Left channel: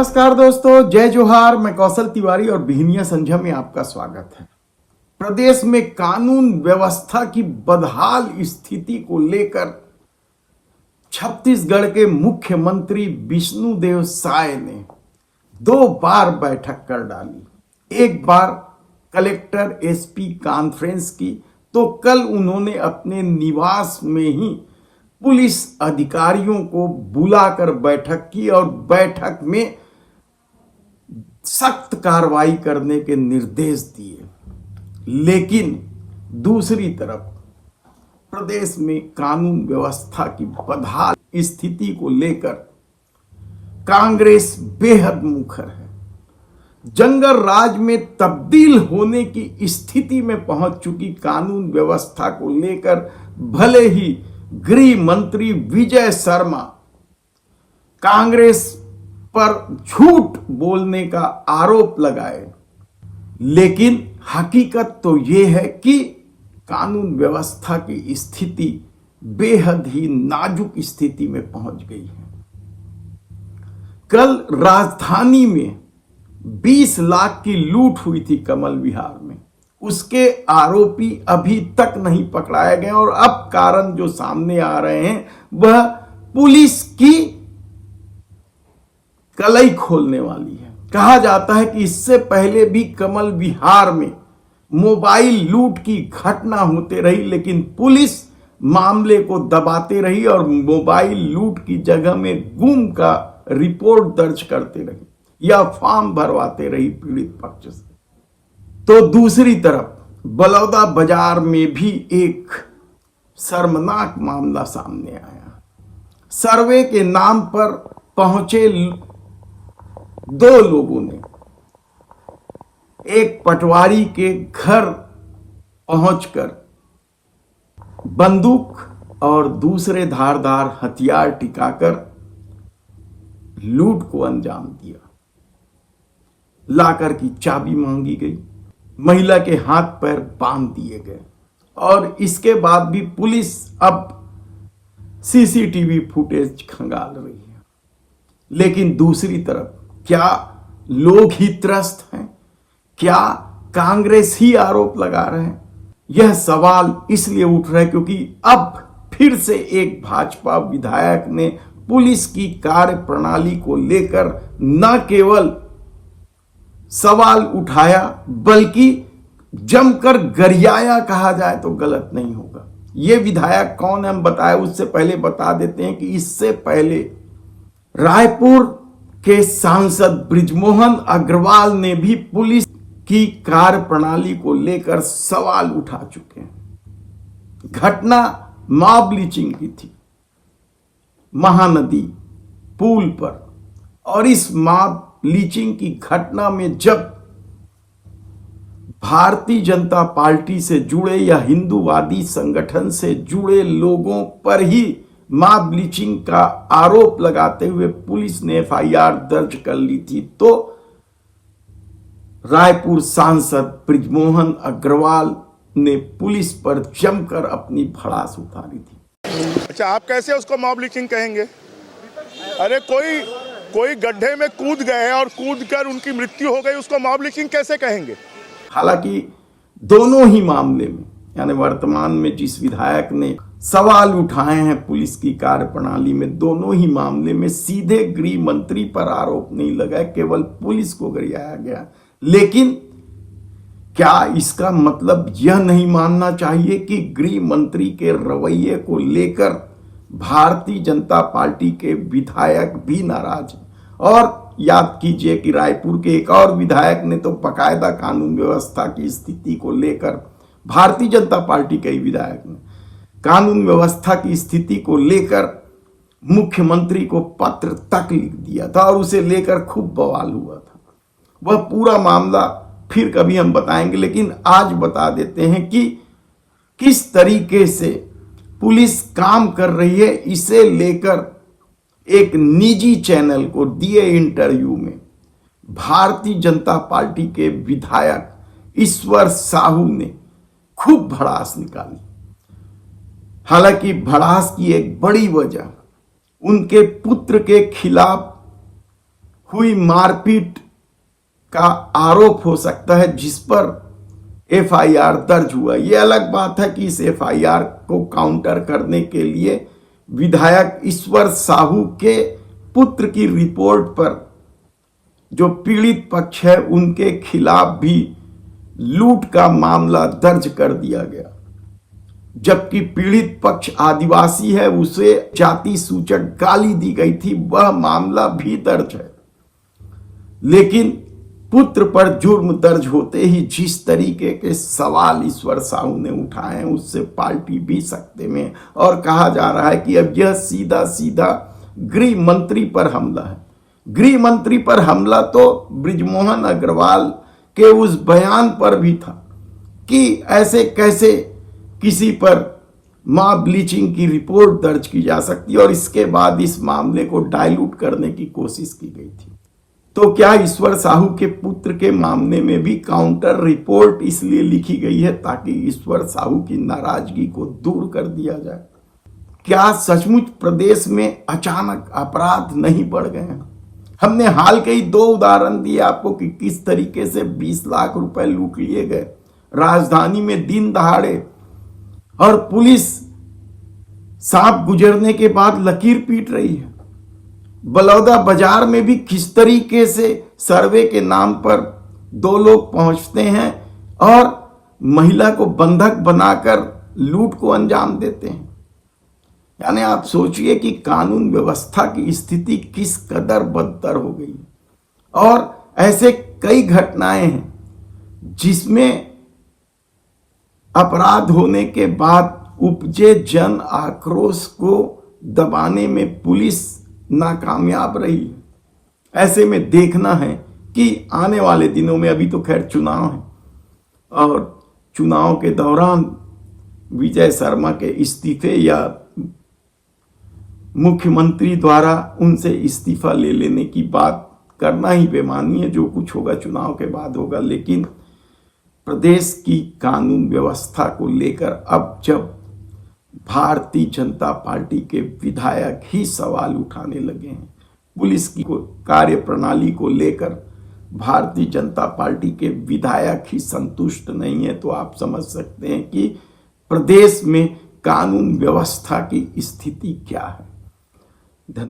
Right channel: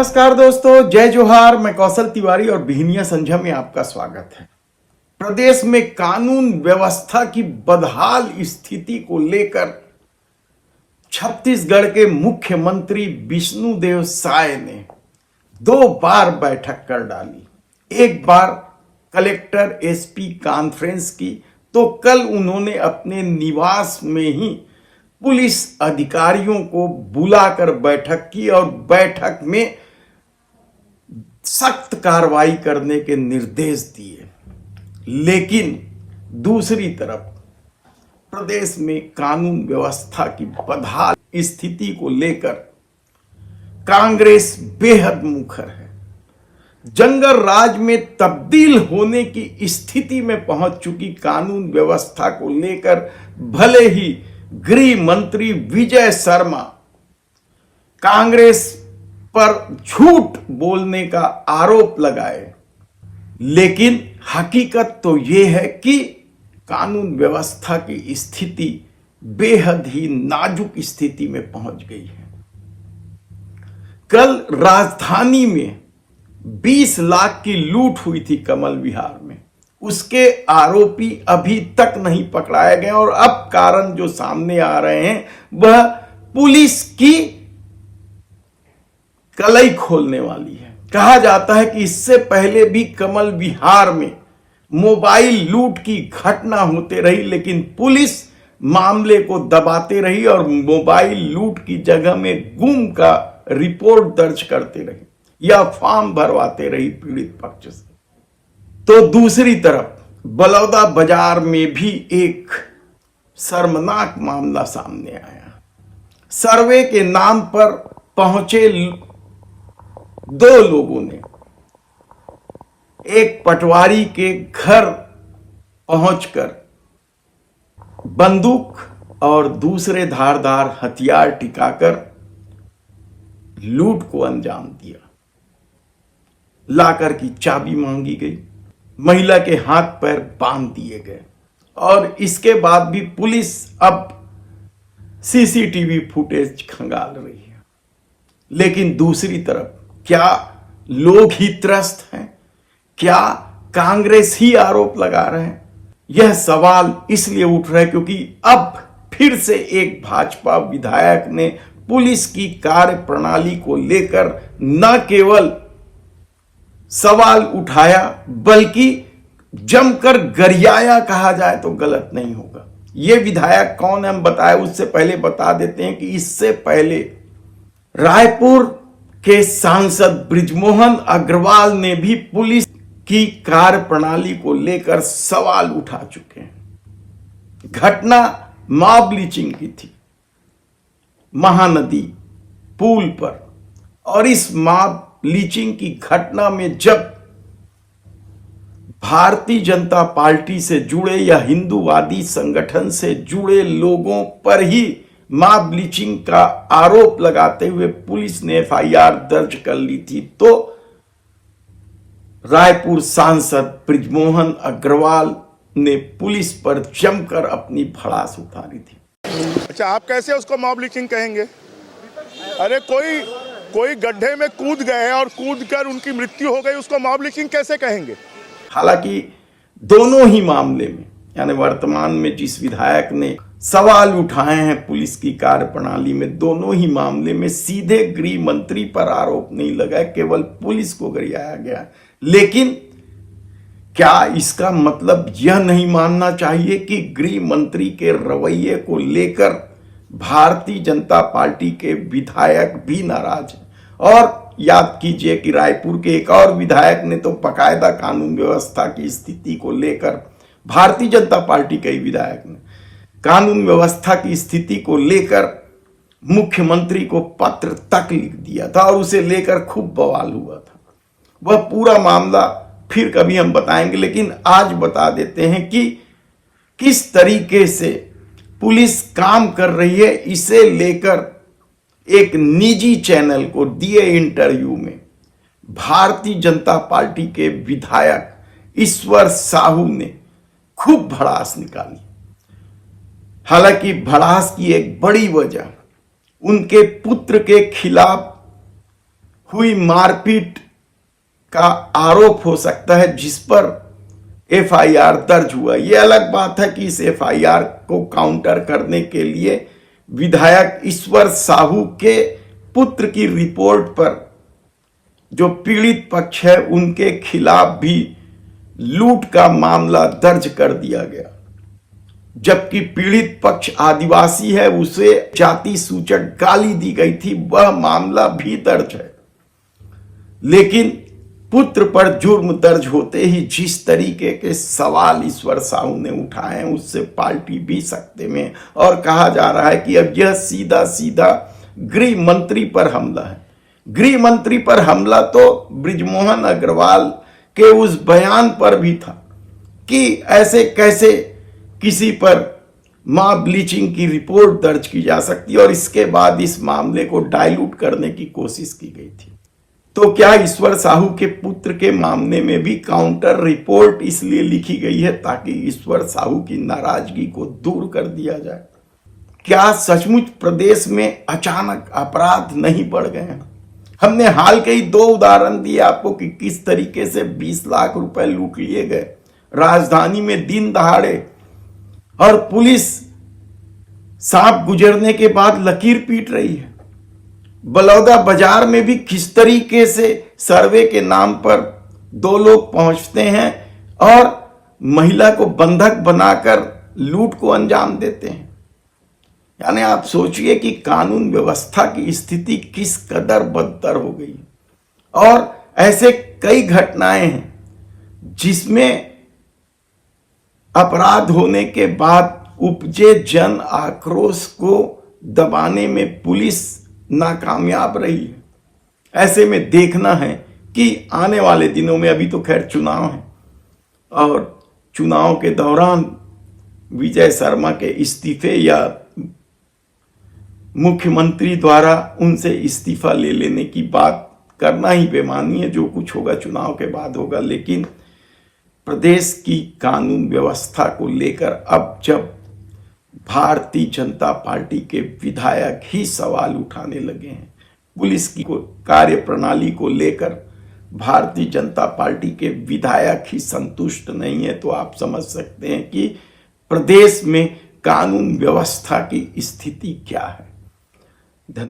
नमस्कार दोस्तों, जय जोहार। मैं कौशल तिवारी और बिहनिया संझा में आपका स्वागत है। प्रदेश में कानून व्यवस्था की बदहाल स्थिति को लेकर छत्तीसगढ़ के मुख्यमंत्री विष्णुदेव साय ने 2 बार बैठक कर डाली। एक बार कलेक्टर एसपी कॉन्फ्रेंस की, तो कल उन्होंने अपने निवास में ही पुलिस अधिकारियों को बुलाकर बैठक की और बैठक में सख्त कार्रवाई करने के निर्देश दिए। लेकिन दूसरी तरफ प्रदेश में कानून व्यवस्था की बदहाल स्थिति को लेकर कांग्रेस बेहद मुखर है। जंगल राज में तब्दील होने की स्थिति में पहुंच चुकी कानून व्यवस्था को लेकर भले ही गृह मंत्री विजय शर्मा कांग्रेस पर झूठ बोलने का आरोप लगाए, लेकिन हकीकत तो यह है कि कानून व्यवस्था की स्थिति बेहद ही नाजुक स्थिति में पहुंच गई है। कल राजधानी में 20 लाख की लूट हुई थी कमल विहार में। उसके आरोपी अभी तक नहीं पकड़ाए गए और अब कारण जो सामने आ रहे हैं वह पुलिस की कलई खोलने वाली है। कहा जाता है कि इससे पहले भी कमल विहार में मोबाइल लूट की घटना होते रही, लेकिन पुलिस मामले को दबाते रही और मोबाइल लूट की जगह में गुम का रिपोर्ट दर्ज करते रही या फॉर्म भरवाते रही पीड़ित पक्ष से। तो दूसरी तरफ बलौदा बाजार में भी एक शर्मनाक मामला सामने आया। सर्वे के नाम पर पहुंचे 2 लोगों ने एक पटवारी के घर पहुंचकर बंदूक और दूसरे धारदार हथियार टिकाकर लूट को अंजाम दिया। लाकर की चाबी मांगी गई, महिला के हाथ पैर बांध दिए गए और इसके बाद भी पुलिस अब सीसीटीवी फुटेज खंगाल रही है। लेकिन दूसरी तरफ क्या लोग ही त्रस्त हैं? क्या कांग्रेस ही आरोप लगा रहे हैं? यह सवाल इसलिए उठ रहा है क्योंकि अब फिर से एक भाजपा विधायक ने पुलिस की कार्य प्रणाली को लेकर न केवल सवाल उठाया बल्कि जमकर गरियाया, कहा जाए तो गलत नहीं होगा। यह विधायक कौन है हम बताए, उससे पहले बता देते हैं कि इससे पहले रायपुर के सांसद बृजमोहन अग्रवाल ने भी पुलिस की कार्य प्रणाली को लेकर सवाल उठा चुके हैं। घटना मॉब लिंचिंग की थी महानदी पुल पर, और इस मॉब लिंचिंग की घटना में जब भारतीय जनता पार्टी से जुड़े या हिंदूवादी संगठन से जुड़े लोगों पर ही मॉब लिंचिंग का आरोप लगाते हुए पुलिस ने एफआईआर दर्ज कर ली थी, तो रायपुर सांसद बृजमोहन अग्रवाल ने पुलिस पर जमकर अपनी भड़ास उतारी थी। अच्छा, आप कैसे उसको मॉब लिंचिंग कहेंगे? अरे कोई गड्ढे में कूद गए और कूदकर उनकी मृत्यु हो गई, उसको मॉब लिंचिंग कैसे कहेंगे? हालांकि दोनों ही मामले में, यानी वर्तमान में जिस विधायक ने सवाल उठाए हैं पुलिस की कार्य प्रणाली में, दोनों ही मामले में सीधे गृह मंत्री पर आरोप नहीं लगा, केवल पुलिस को गरियाया गया। लेकिन क्या इसका मतलब यह नहीं मानना चाहिए कि गृह मंत्री के रवैये को लेकर भारतीय जनता पार्टी के विधायक भी नाराज हैं? और याद कीजिए कि रायपुर के एक और विधायक ने तो बाकायदा कानून व्यवस्था की स्थिति को लेकर, भारतीय जनता पार्टी के ही विधायक ने कानून व्यवस्था की स्थिति को लेकर मुख्यमंत्री को पत्र तक लिख दिया था और उसे लेकर खूब बवाल हुआ था। वह पूरा मामला फिर कभी हम बताएंगे, लेकिन आज बता देते हैं कि किस तरीके से पुलिस काम कर रही है। इसे लेकर एक निजी चैनल को दिए इंटरव्यू में भारतीय जनता पार्टी के विधायक ईश्वर साहू ने खूब भड़ास निकाली। हालांकि भड़ास की एक बड़ी वजह उनके पुत्र के खिलाफ हुई मारपीट का आरोप हो सकता है, जिस पर एफआईआर दर्ज हुआ। यह अलग बात है कि इस एफआईआर को काउंटर करने के लिए विधायक ईश्वर साहू के पुत्र की रिपोर्ट पर जो पीड़ित पक्ष है उनके खिलाफ भी लूट का मामला दर्ज कर दिया गया, जबकि पीड़ित पक्ष आदिवासी है, उसे जाति सूचक गाली दी गई थी, वह मामला भी दर्ज है। लेकिन पुत्र पर जुर्म दर्ज होते ही जिस तरीके के सवाल ईश्वर साहू ने उठाए हैं उससे पार्टी भी सकते में, और कहा जा रहा है कि अब यह सीधा सीधा गृह मंत्री पर हमला है। गृह मंत्री पर हमला तो बृजमोहन अग्रवाल के उस बयान पर भी था कि ऐसे कैसे किसी पर मां ब्लीचिंग की रिपोर्ट दर्ज की जा सकती है, और इसके बाद इस मामले को डाइल्यूट करने की कोशिश की गई थी। तो क्या ईश्वर साहू के पुत्र के मामले में भी काउंटर रिपोर्ट इसलिए लिखी गई है ताकि ईश्वर साहू की नाराजगी को दूर कर दिया जाए? क्या सचमुच प्रदेश में अचानक अपराध नहीं बढ़ गए हैं? हमने हाल के ही 2 उदाहरण दिए आपको कि किस तरीके से 20 लाख रुपए लूट लिए गए राजधानी में दिन दहाड़े, और पुलिस सांप गुजरने के बाद लकीर पीट रही है। बलौदा बाजार में भी किस तरीके से सर्वे के नाम पर 2 लोग पहुंचते हैं और महिला को बंधक बनाकर लूट को अंजाम देते हैं। यानी आप सोचिए कि कानून व्यवस्था की स्थिति किस कदर बदतर हो गई है। और ऐसे कई घटनाएं हैं जिसमें अपराध होने के बाद उपजे जन आक्रोश को दबाने में पुलिस नाकामयाब रही है। ऐसे में देखना है कि आने वाले दिनों में, अभी तो खैर चुनाव है, और चुनाव के दौरान विजय शर्मा के इस्तीफे या मुख्यमंत्री द्वारा उनसे इस्तीफा ले लेने की बात करना ही बेमानी है। जो कुछ होगा चुनाव के बाद होगा। लेकिन प्रदेश की कानून व्यवस्था को लेकर अब जब भारतीय जनता पार्टी के विधायक ही सवाल उठाने लगे हैं, पुलिस की कार्य प्रणाली को लेकर भारतीय जनता पार्टी के विधायक ही संतुष्ट नहीं है, तो आप समझ सकते हैं कि प्रदेश में कानून व्यवस्था की स्थिति क्या है।